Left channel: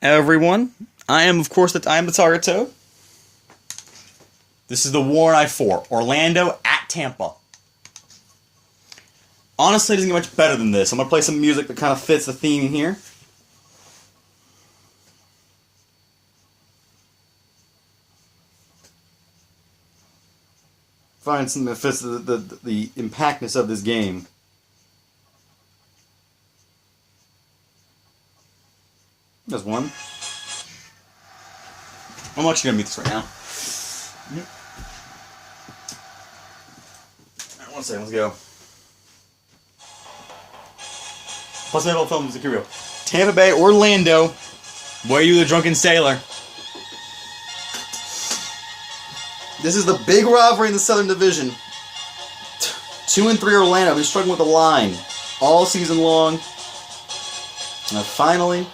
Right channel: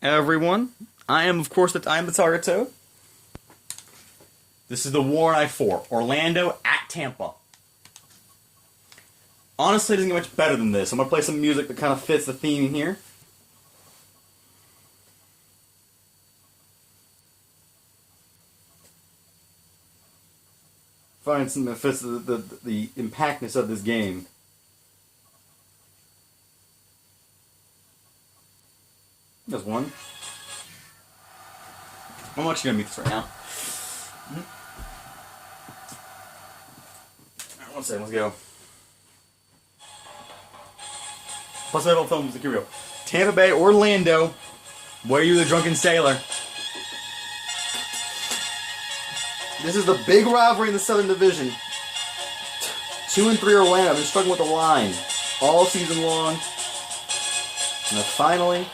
Everyone, I am of course I am the Target Toad. This is the War Night 4, Orlando at Tampa. Honestly, it doesn't get much better than this. I'm gonna play some music that kind of fits the theme here. Find something that fits the impactness of this game. There's one. I'm actually gonna meet this right now. Alright, 1 second, let's go. Plus that old film music, here we go. Tampa Bay, Orlando. Were you the drunken sailor? This is the big rivalry in the Southern Division. 2 and 3 Orlando. I've been struggling with the line all season long. And finally,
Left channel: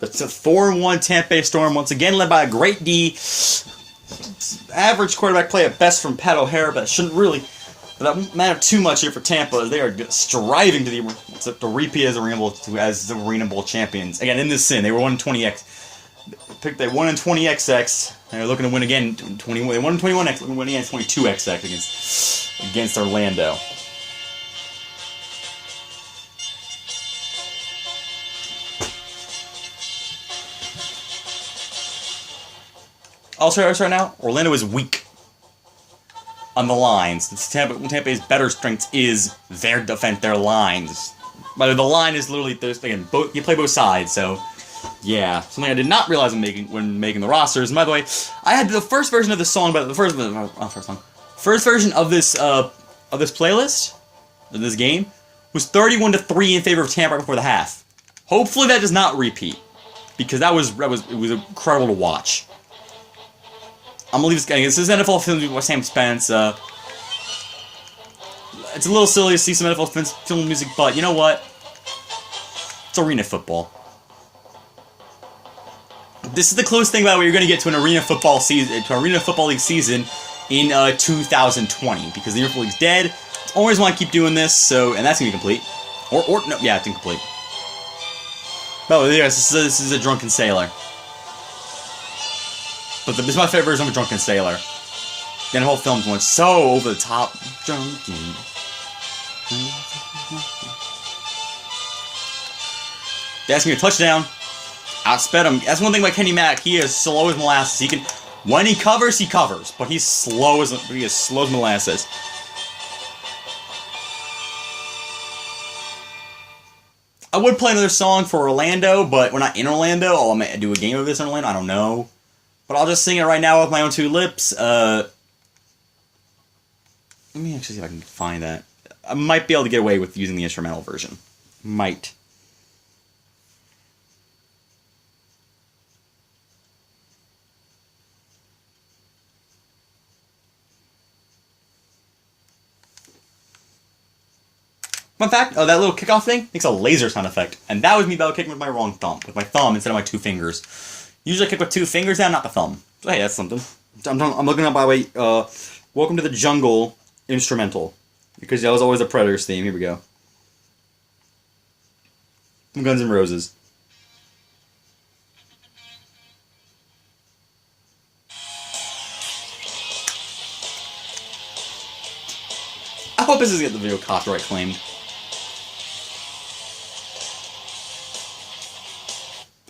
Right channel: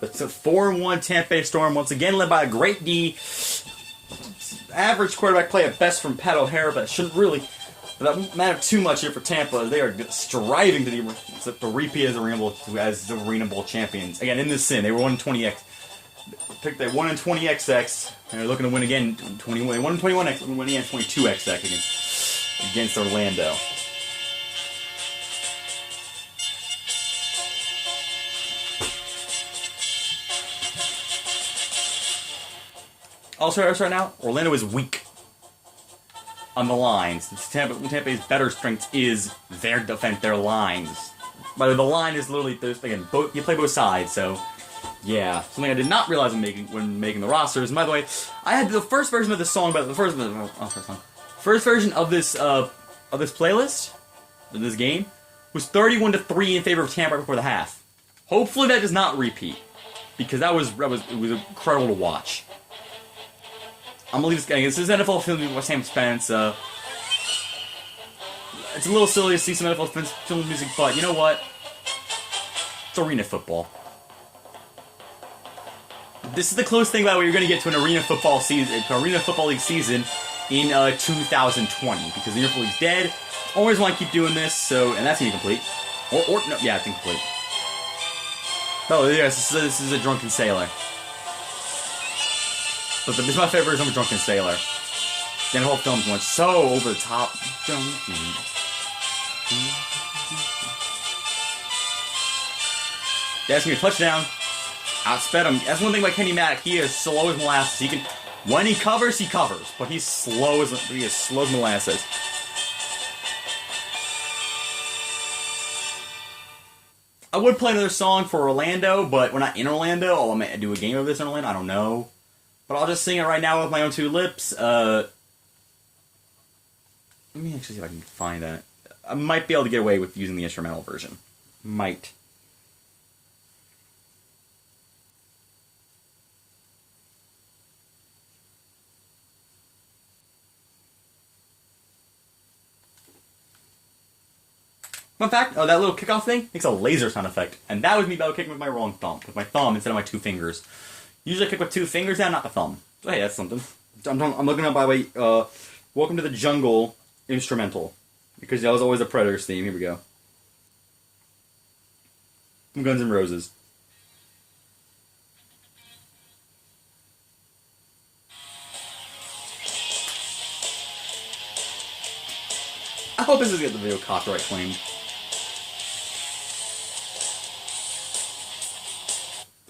it's a 4-1 Tampa Bay Storm, once again led by a great D. Average quarterback play at best from Pat O'Hara, but it shouldn't really matter too much here for Tampa. They are striving to repeat as the Arena Bowl champions. Again, in this sin, they were 1-20x. They won in 20XX. And they're looking to win again. They won in 21x. Looking to win again 22XX against Orlando. Also, right now, Orlando is weak on the lines. Tampa's better strength is their defense, their lines. But the line is literally, again, you play both sides, so yeah. Something I did not realize when making the rosters. And by the way, I had the first version of this song, but the first version of this playlist, of this game, was 31-3 in favor of Tampa right before the half. Hopefully that does not repeat, because it was incredible to watch. I'm gonna leave this guy. This is NFL film with Sam Spence. It's a little silly to see some NFL film music, but you know what? It's arena football. This is the closest thing about what you're gonna get to an arena football season, to Arena Football League season in 2020, because the Arena Football League's dead. I always want to keep doing this, so and that's gonna be complete. No, yeah, it's incomplete. Oh yes, this is a drunken sailor. But this is my favorite version of a drunken sailor. And the whole film's going so over the top. That's gonna be a touchdown. Outsped him. That's one thing about Kenny Mack. He is slow as molasses. He can, when he covers, but he's slow as molasses. I would play another song for Orlando, but we're not in Orlando. Oh, I might do a game of this in Orlando. I don't know. But I'll just sing it right now with my own 2 lips. Let me actually see if I can find that. I might be able to get away with using the instrumental version. Might. Fun fact, that little kickoff thing makes a laser sound effect. And that was me about kicking with my wrong thumb. With my thumb instead of my 2 fingers. Usually I kick with 2 fingers down, not the thumb. So hey, that's something. I'm looking up, by the way, Welcome to the Jungle instrumental. Because that was always the Predators theme. Here we go. Guns N' Roses. I hope this doesn't get the video copyright claimed.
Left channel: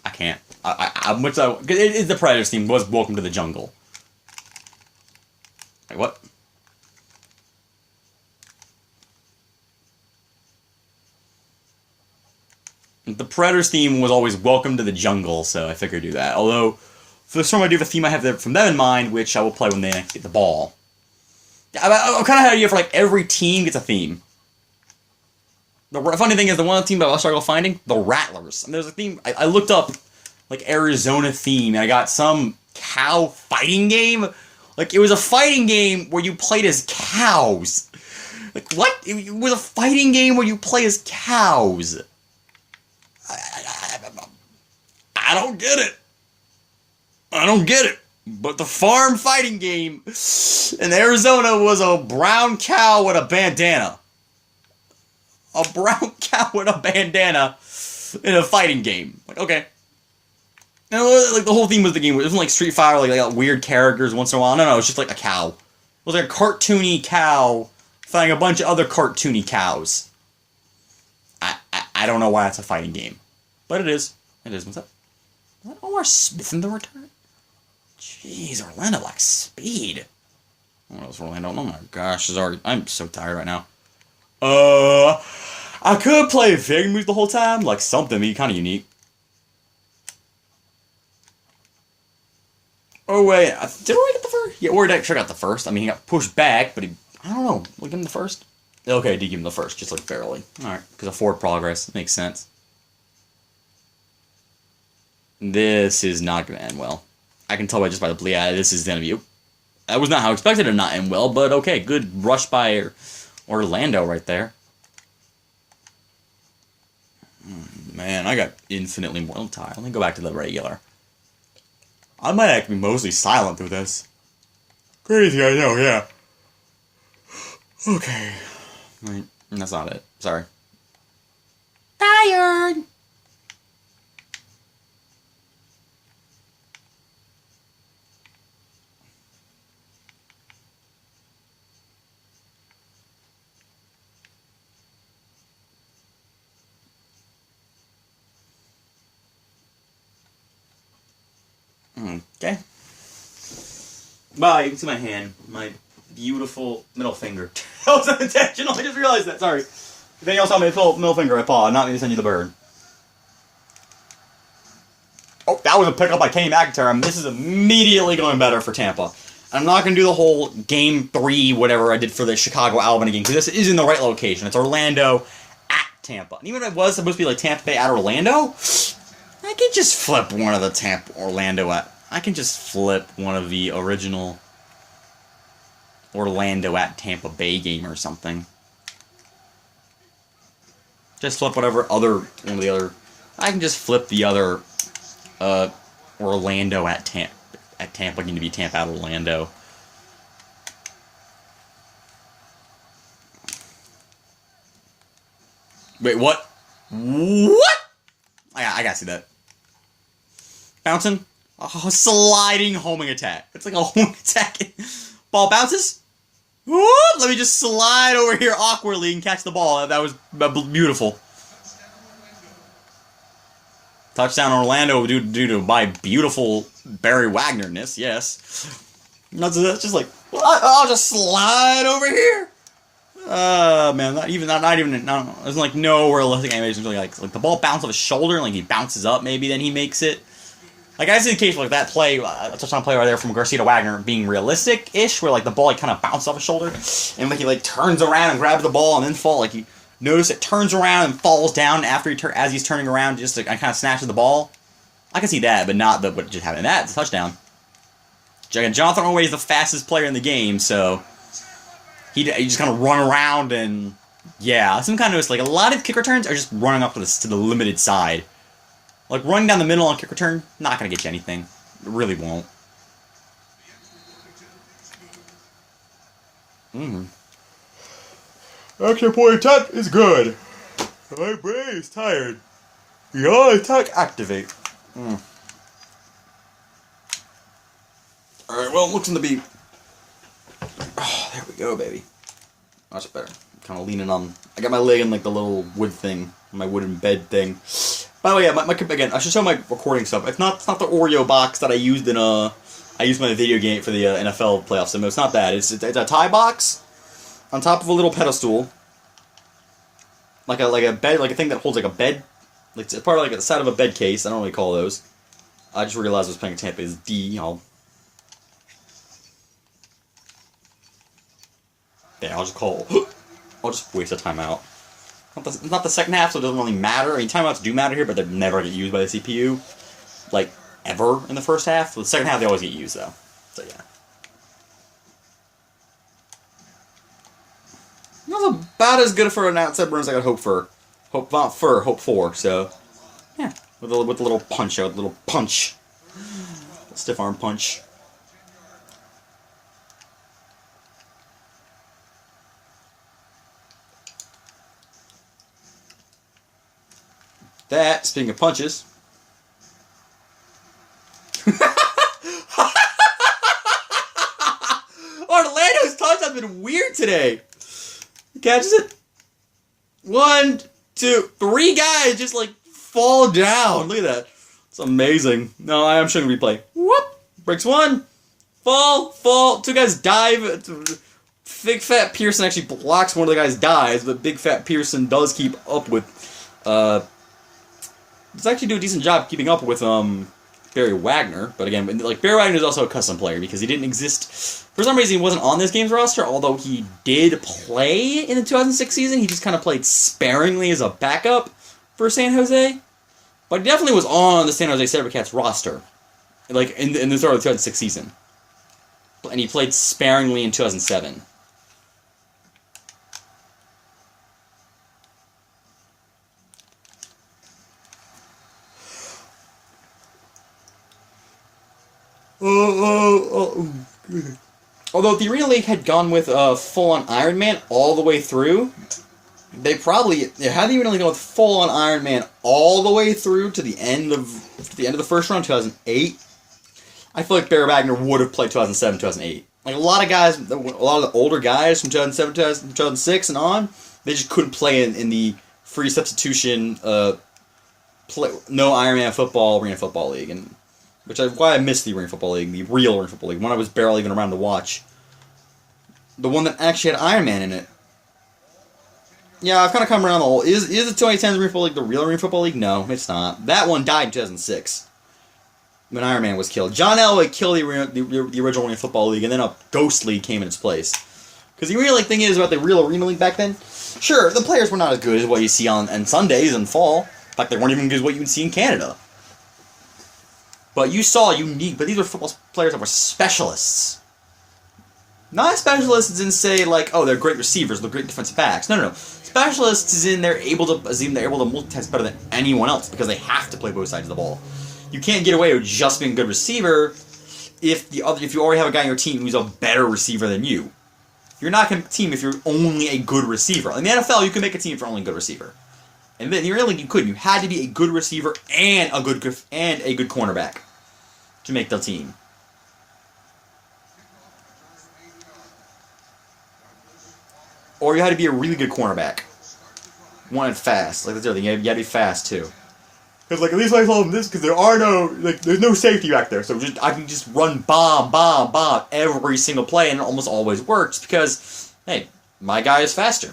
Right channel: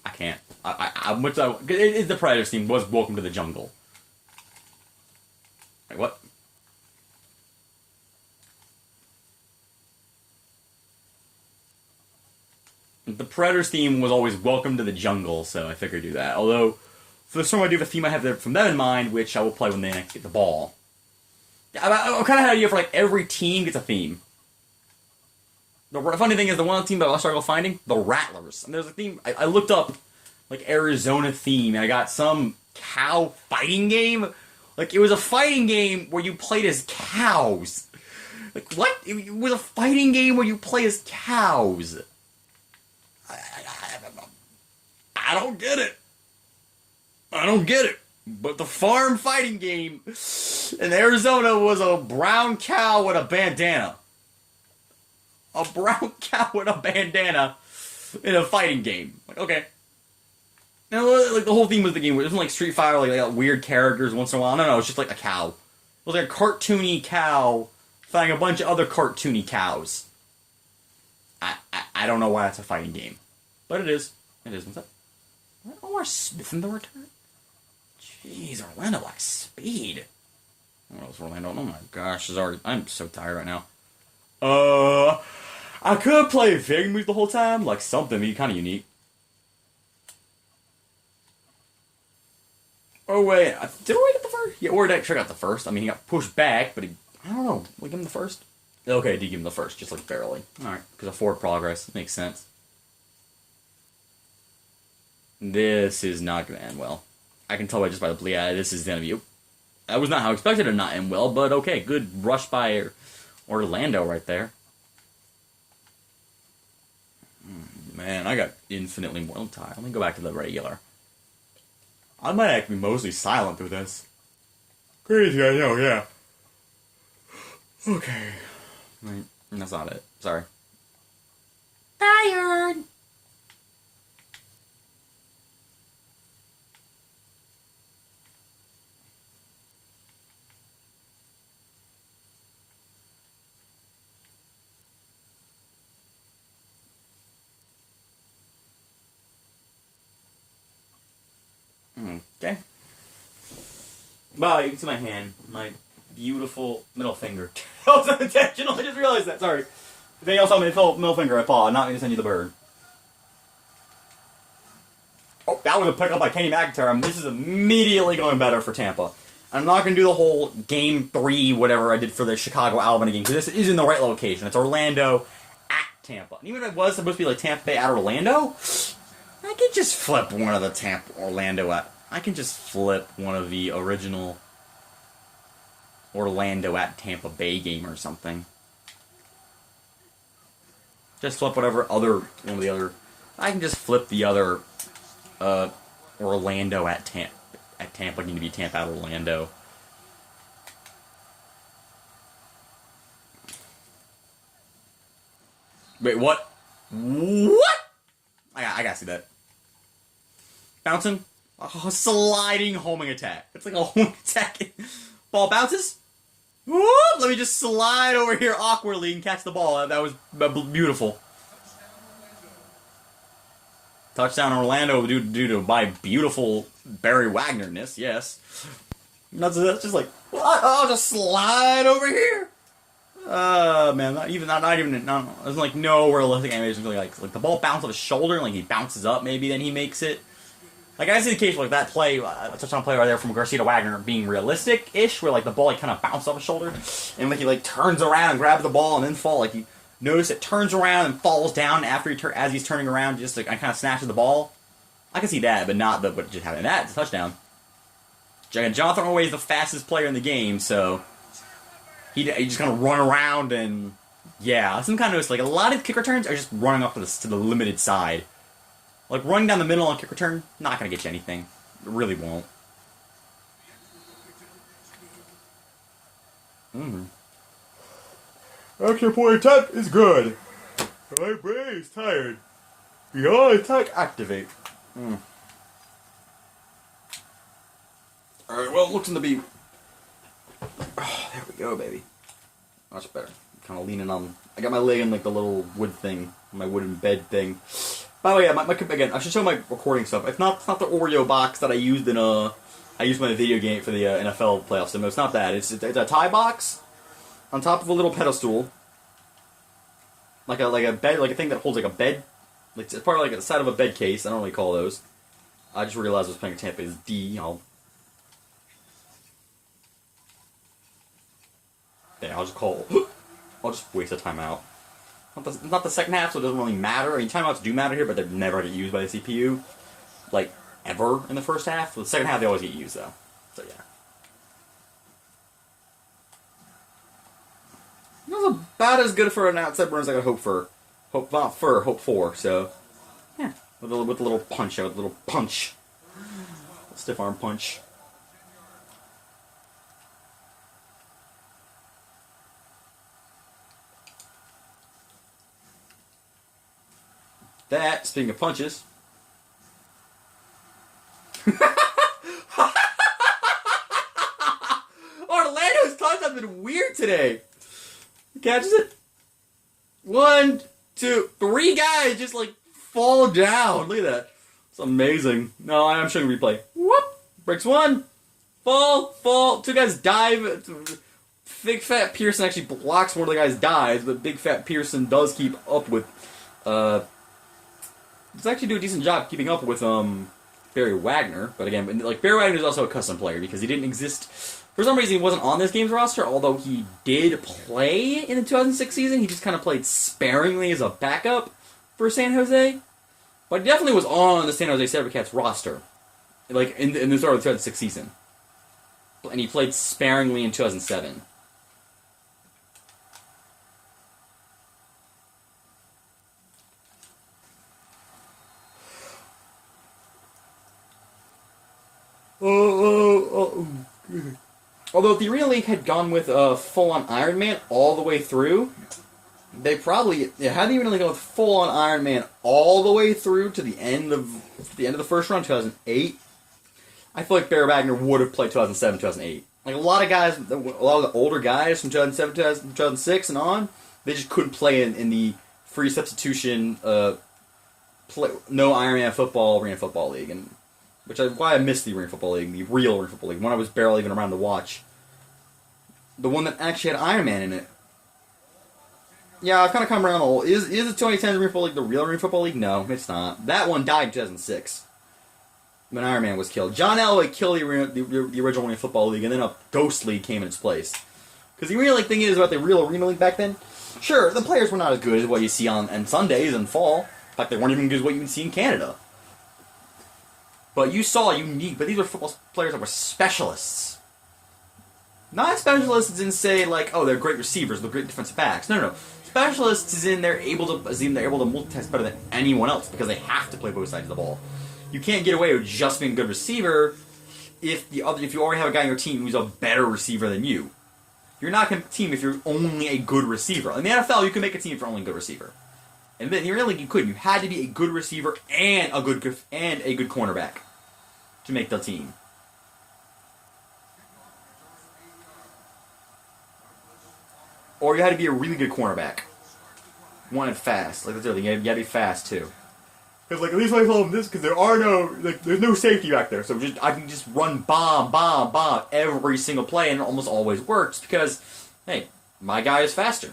I can't. It is the Predators theme. Was Welcome to the Jungle. Wait, what? The Predators theme was always Welcome to the Jungle, so I figured I'd do that. Although, for the song I do have a theme I have from them in mind, which I will play when they get the ball. I kind of had an idea for like every team gets a theme. The funny thing is, the one team that I struggle finding, the Rattlers. And there's a theme, I looked up, like, Arizona theme, and I got some cow fighting game. Like, it was a fighting game where you played as cows. Like, what? It was a fighting game where you play as cows. I don't get it. I don't get it. But the farm fighting game in Arizona was a brown cow with a bandana. A brown cow with a bandana in a fighting game. Like, okay. And like the whole theme of the game, it wasn't like Street Fighter, like they got weird characters once in a while. No, it's just like a cow. It was like a cartoony cow fighting a bunch of other cartoony cows. I don't know why it's a fighting game. But it is. It is. What's up? What? Omar Smith in the return? Jeez, Orlando like speed. What else, Orlando? Oh my gosh, I'm so tired right now. I could play Vig moves the whole time, like something kind of unique. Oh wait, did Roy get the first? Yeah, Roy sure got the first. I mean, he got pushed back, but I don't know. We'll give him the first. Okay, I did give him the first, just like barely. All right, because of forward progress makes sense. This is not going to end well. I can tell just by the bleed. This is going to be. That was not how I expected it to not end well, but okay, good rush by Orlando right there. Man, I got infinitely more time. Let me go back to the regular. I might actually be mostly silent through this. Crazy, I know, yeah. Okay. Right. That's not it. Sorry. Tired! Okay. Wow, you can see my hand. My beautiful middle finger. That was unintentional. I just realized that. Sorry. If anything else on my middle finger, I paw. Not me to send you the bird. Oh, that was a pickup by Kenny McIntyre. This is immediately going better for Tampa. I'm not going to do the whole Game 3, whatever I did for the Chicago-Albany game, because this is in the right location. It's Orlando at Tampa. And even if it was supposed to be like Tampa Bay at Orlando, I could just flip one of the Orlando at... I can just flip one of the original Orlando at Tampa Bay game or something. Just flip whatever one of the other... I can just flip the other Orlando at Tampa going to be Tampa at Orlando. Wait, what? What? I gotta see that. Bouncing? Oh, sliding homing attack. It's like a homing attack. Ball bounces? Whoop! Let me just slide over here awkwardly and catch the ball. That was beautiful. Touchdown Orlando due to my beautiful Barry Wagner-ness, yes. That's just like, I'll just slide over here. Man, not even, there's like no realistic animations really like the ball bounces off his shoulder and like he bounces up maybe, then he makes it. Like I see the case for like that play, touchdown play right there from Garcia to Wagner being realistic-ish, where like the ball like kind of bounces off his shoulder, and like he like turns around and grabs the ball and then fall. Like you notice it turns around and falls down after as he's turning around, just to kind of snatches the ball. I can see that, but not what just happened. That's a touchdown. Jonathan Orway is the fastest player in the game, so he just kind of run around and yeah. Some kind of like a lot of kick returns are just running up to the limited side. Like, running down the middle on kick return, not going to get you anything. It really won't. Action point attack is good. My brain is tired. Your attack activate. Alright, well, it looks to be... Oh, there we go, baby. Much better. Kind of leaning on... I got my leg in, like, the little wood thing. My wooden bed thing. By the way, yeah, again, I should show my recording stuff. It's not the Oreo box that I used in I used my video game for the NFL playoffs. So it's not that. It's a tie box on top of a little pedestal, like a bed, like a thing that holds like a bed. Like it's part of like the side of a bed case. I don't really call those. I just realized I was playing Tampa is D. I'll just waste a timeout. Not the second half, so it doesn't really matter. I mean, timeouts do matter here, but they never get used by the CPU. Like, ever in the first half. The second half, they always get used, though. So, yeah. That was about as good for an outside burn as I could hope for. Hope for. So, yeah. With a little punch out, a little punch. Stiff arm punch. That, speaking of punches. Orlando's touchdown's been weird today. He catches it. 1, 2, 3 guys just like fall down. Look at that. It's amazing. No, I'm showing a replay. Whoop. Breaks one. Fall. 2 guys dive. Big Fat Pearson actually blocks one of the guys dives, but Big Fat Pearson does keep up with does actually do a decent job keeping up with Barry Wagner. But again, like Barry Wagner is also a custom player because he didn't exist. For some reason, he wasn't on this game's roster, although he did play in the 2006 season. He just kind of played sparingly as a backup for San Jose. But he definitely was on the San Jose Sabercats roster, like in the start of the 2006 season. And he played sparingly in 2007. Although if the Arena League had gone with full-on Iron Man all the way through, they had the Arena League gone with full-on Iron Man all the way through to the end of the first round, 2008. I feel like Barry Wagner would have played 2007, 2008. Like a lot of the older guys from 2007, 2006 and on, they just couldn't play in the free substitution, no Iron Man football, Arena Football League, and which is why I missed the Arena Football League, the real Arena Football League, one I was barely even around to watch. The one that actually had Iron Man in it. Yeah, I've kind of come around the whole. Is the 2010 Arena Football League the real Arena Football League? No, it's not. That one died in 2006 when Iron Man was killed. John Elway killed the original Arena Football League, and then a Ghost League came in its place. Because the real thing is about the real Arena League back then. Sure, the players were not as good as what you see on Sundays and fall. In fact, they weren't even as good as what you would see in Canada. But you saw but these were football players that were specialists. Not specialists in say like, oh, they're great receivers, they're great defensive backs. No. Specialists is in they're able to multitask better than anyone else because they have to play both sides of the ball. You can't get away with just being a good receiver if you already have a guy on your team who's a better receiver than you. You're not going to team if you're only a good receiver. In the NFL, you can make a team for only a good receiver. And then really you couldn't. You had to be a good receiver and a good cornerback to make the team. Or you had to be a really good cornerback. One and fast. Like that's the other thing. You had to be fast too. Because at least I told them this because there's no safety back there. So I can just run bomb every single play and it almost always works because hey, my guy is faster.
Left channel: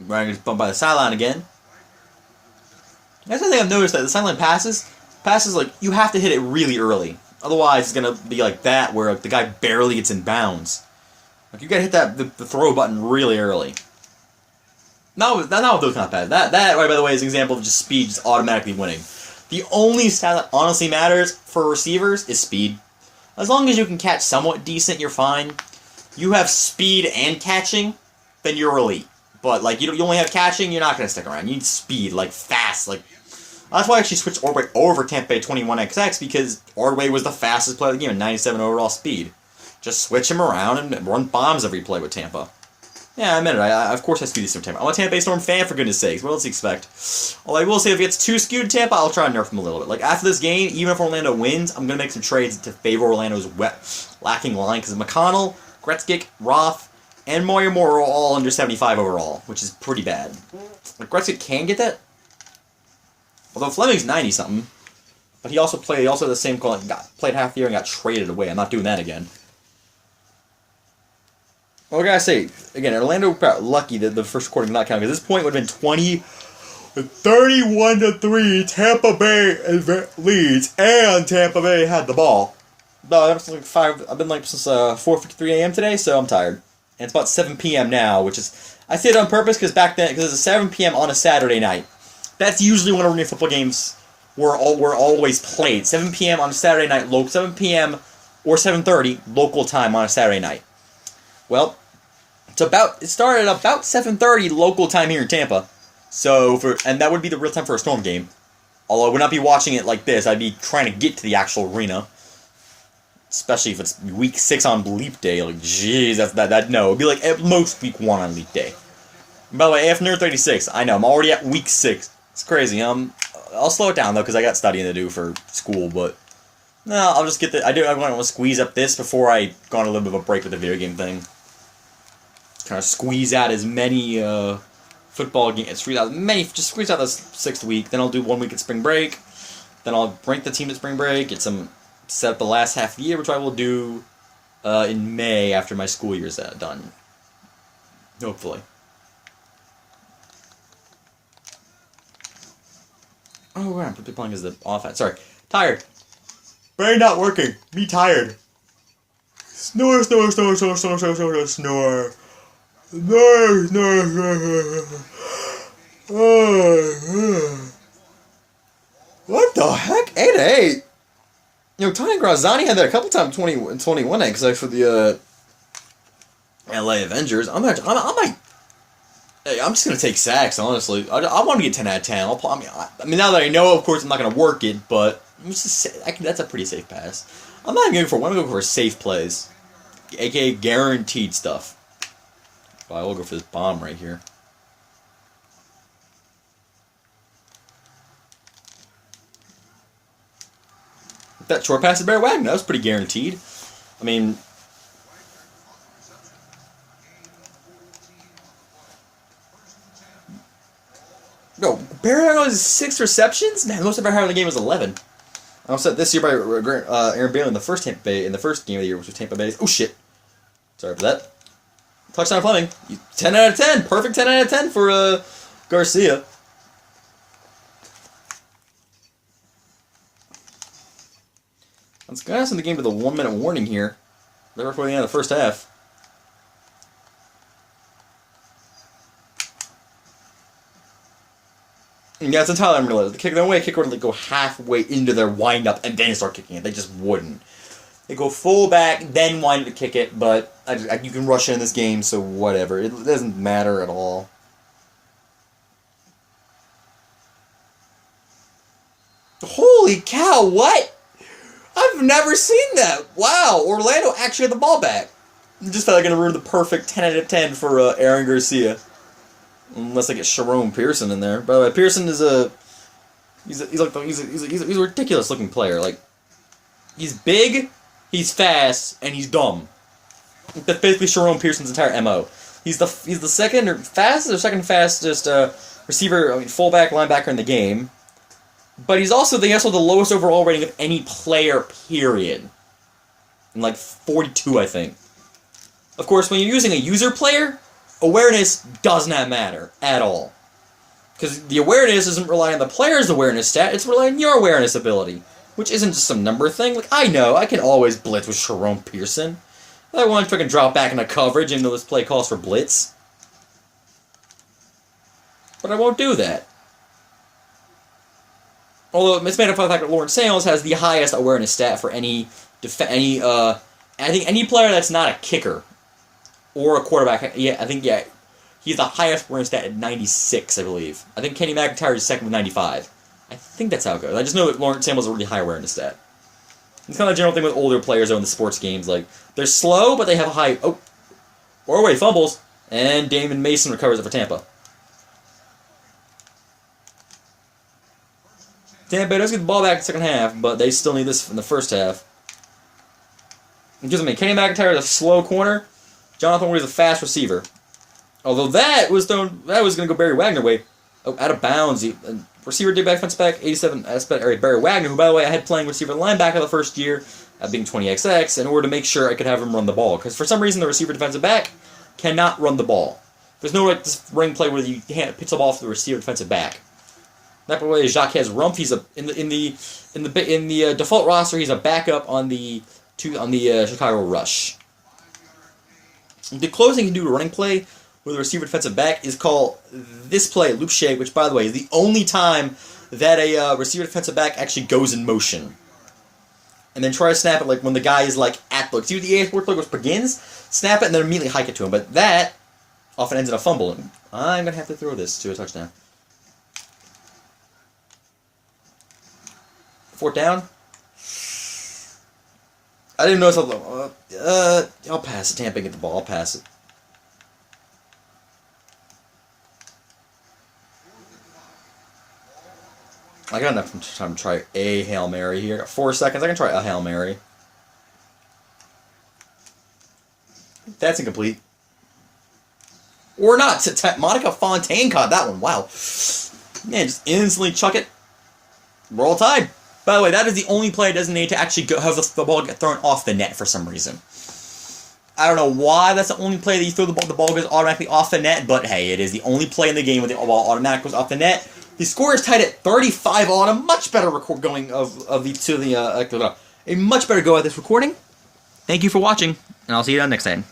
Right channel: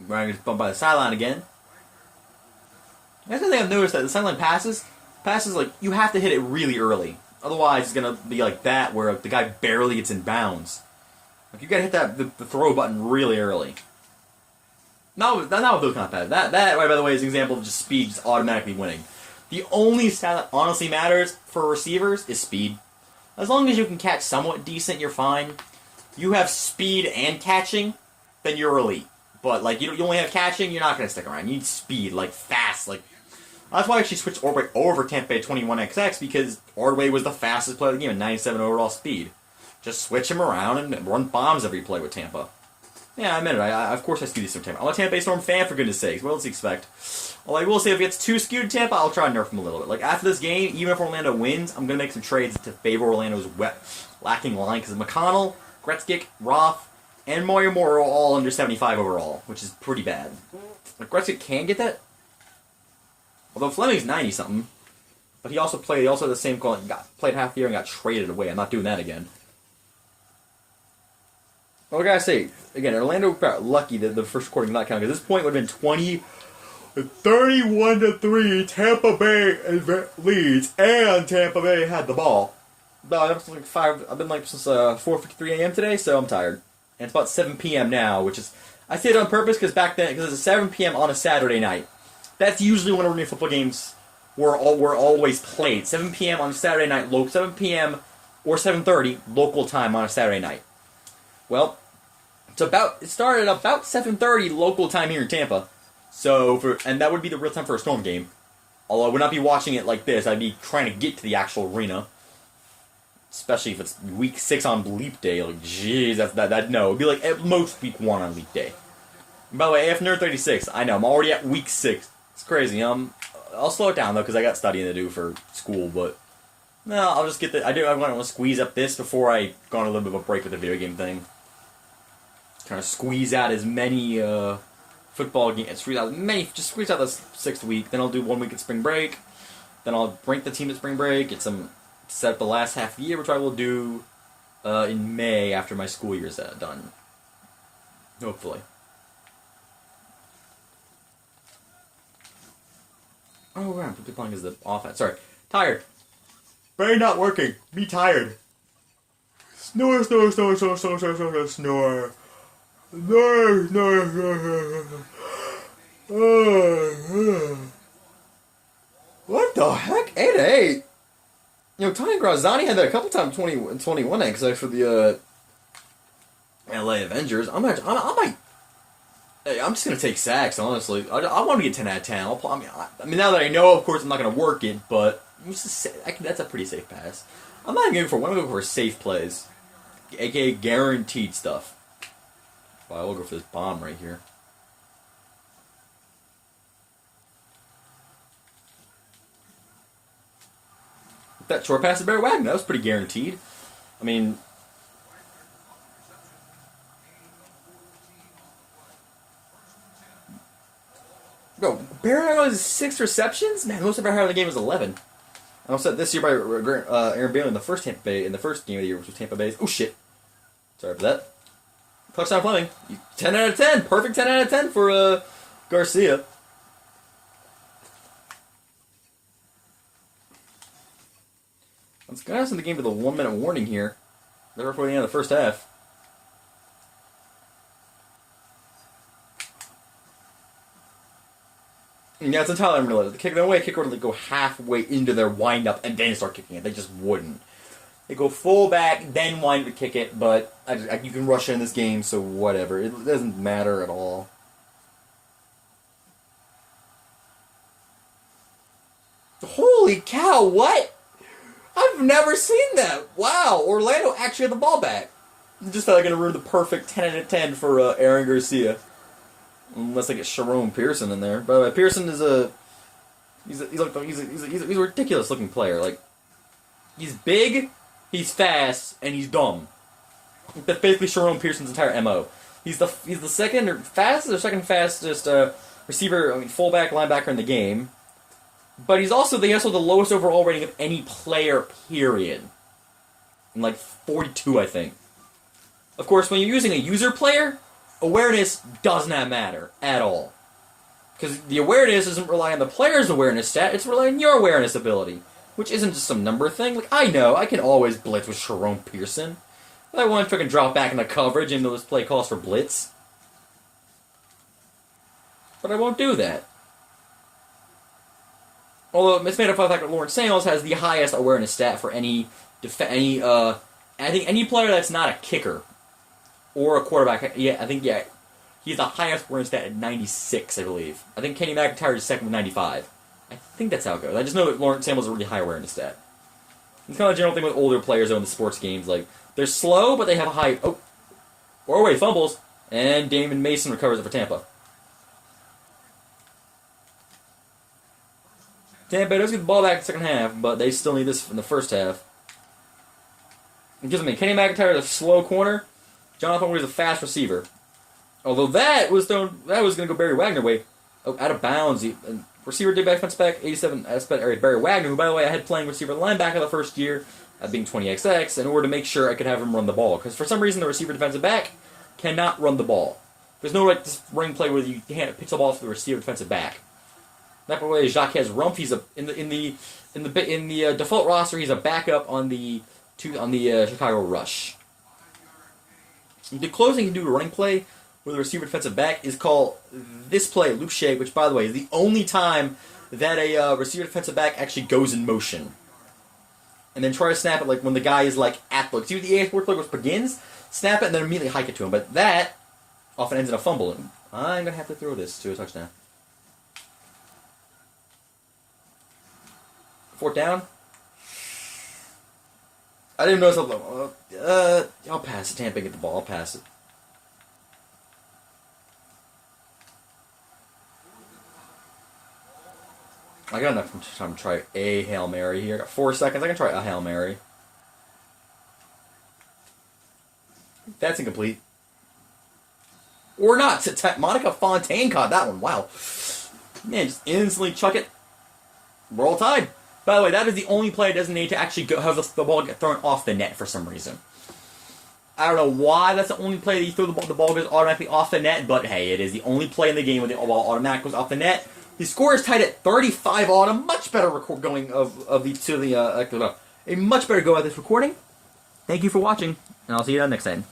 Ryan gets bumped by the sideline again. That's one thing I've noticed that the sideline passes like you have to hit it really early. Otherwise, it's gonna be like that where the guy barely gets in bounds. Like you gotta hit the throw button really early. Now with those kind of passes. That right by the way is an example of just speed just automatically winning. The only stat that honestly matters for receivers is speed. As long as you can catch somewhat decent, you're fine. You have speed and catching, then you're elite. But like you only have catching, you're not gonna stick around. You need speed, like fast, like. That's why I actually switched Ordway over Tampa Bay 21XX because Ordway was the fastest player of the game at 97 overall speed. Just switch him around and run bombs every play with Tampa. Yeah, I admit it. I of course I skew this from Tampa. I'm a Tampa Bay Storm fan for goodness sakes. What else do you expect? Well, I will say if it gets too skewed Tampa, I'll try and nerf him a little bit. Like after this game, even if Orlando wins, I'm gonna make some trades to favor Orlando's lacking line because McConnell, Gretzky, Roth, and Mario Moore are all under 75 overall, which is pretty bad. Like Gretzky can get that. Although Fleming's 90-something, but he also the same played half the year and got traded away. I'm not doing that again. Well, I gotta say, again, Orlando got lucky that the first quarter did not count, because this point would have been 31-3, Tampa Bay leads, and Tampa Bay had the ball. That's like I've been since 4:53 a.m. today, so I'm tired. And it's about 7 p.m. now, which is, I say it on purpose because back then, because it's 7 p.m. on a Saturday night. That's usually when arena football games were always played. 7 p.m. on a Saturday night, 7 p.m. or 7:30 local time on a Saturday night. Well, it started about 7:30 local time here in Tampa. And that would be the real time for a Storm game. Although I would not be watching it like this, I'd be trying to get to the actual arena. Especially if it's week 6 on Leap Day. Like, jeez, no. It'd be like at most week 1 on Leap Day. And by the way, AF Nerd 36, I know, I'm already at week 6. It's crazy. I'll slow it down, though, because I got studying to do for school, but... No, I'll just get the... I want to squeeze up this before I go on a little bit of a break with the video game thing. Kind of squeeze out as many, football games... Just squeeze out this 6th week, then I'll do 1 week at spring break, then I'll rank the team at spring break, get some... set up the last half of the year, which I will do, in May after my school year's done. Hopefully. Oh, wow, I'm playing as the offense. Sorry. Tired. Brain not working. Me tired. Snore, snore, snore, snore, snore, snore, snore, snore. Snore, snore, snore. What the heck? 8-8. You know, Tony Graziani had that a couple times in 21 except for the LA Avengers. I'm just gonna take sacks, honestly. I want to get 10 out of 10. I mean, now that I know, of course, I'm not gonna work it, but that's a pretty safe pass. I'm not even going for one. I'm going for safe plays, aka guaranteed stuff. Well, I will go for this bomb right here. That short pass to Barry Wagner, that was pretty guaranteed. I mean... No, Barry Wagner has 6 receptions? Man, the most I've ever had in the game was 11. I was set this year by Aaron Bailey in the first game of the year, which was Tampa Bay. Oh, shit. Sorry for that. Touchdown Fleming. 10 out of 10. Perfect 10 out of 10 for Garcia. Let's go in the game with a 1-minute warning here. Right before the end of the first half. Yeah, it's entirely unrealistic. The only way a kicker would go halfway into their wind-up and then start kicking it. They just wouldn't. They go full back, then wind up to kick it, but you can rush it in this game, so whatever. It doesn't matter at all. Holy cow, what? I've never seen that. Wow, Orlando actually had the ball back. I just felt like going to ruin the perfect 10 out of 10 for Aaron Garcia. Unless I get Sharon Pearson in there. By the way, Pearson is he's a ridiculous looking player. Like, he's big, he's fast, and he's dumb. That's basically Sharon Pearson's entire MO. He's the second fastest receiver, fullback, linebacker in the game. But he's also the lowest overall rating of any player, period. And like 42, I think. Of course, when you're using a user player, awareness does not matter at all. Because the awareness doesn't rely on the player's awareness stat, it's relying on your awareness ability. Which isn't just some number thing. Like, I know, I can always blitz with Sharon Pearson. If I want to freaking drop back into coverage into this play calls for blitz. But I won't do that. Although it's made up of the fact that Lawrence Sales has the highest awareness stat for I think any player that's not a kicker or a quarterback. Yeah, he's the highest awareness stat at 96, I believe. I think Kenny McIntyre is second with 95. I think that's how it goes. I just know that Lawrence Samuel's a really high awareness stat. It's kind of a general thing with older players though in the sports games. Like, they're slow, but they have a high... Oh! Or wait, fumbles. And Damon Mason recovers it for Tampa. Tampa does get the ball back in the second half, but they still need this in the first half. It gives me Kenny McIntyre is a slow corner. Jonathan Ward is a fast receiver. Although that was going to go Barry Wagner way. Oh, out of bounds. Receiver did back, defense back, 87. Barry Wagner, who, by the way, I had playing receiver linebacker the first year, being 20XX, in order to make sure I could have him run the ball. Because for some reason, the receiver defensive back cannot run the ball. There's no like this ring play where you can't pitch the ball to the receiver defensive back. That by the way is Jacques Rumpf. He's in the default roster. He's a backup on the Chicago Rush. The closest you can do to running play with a receiver defensive back is called this play, loop shake, which, by the way, is the only time that a receiver defensive back actually goes in motion. And then try to snap it like when the guy is like at the... See, the AF4 play which begins, snap it, and then immediately hike it to him. But that often ends in a fumble. I'm going to have to throw this to a touchdown. 4th down. I didn't notice how I'll pass it. Tampa get the ball. I'll pass it. I got enough time to try a Hail Mary here. I got 4 seconds. I can try a Hail Mary. That's incomplete. Or not. Monica Fontaine caught that one. Wow. Man, just instantly chuck it. We're all tied. By the way, that is the only play designated to actually have the ball get thrown off the net for some reason. I don't know why that's the only play that you throw the ball goes automatically off the net, but hey, it is the only play in the game where the ball automatically goes off the net. The score is tied at 35 on a much better going a much better go at this recording. Thank you for watching, and I'll see you next time.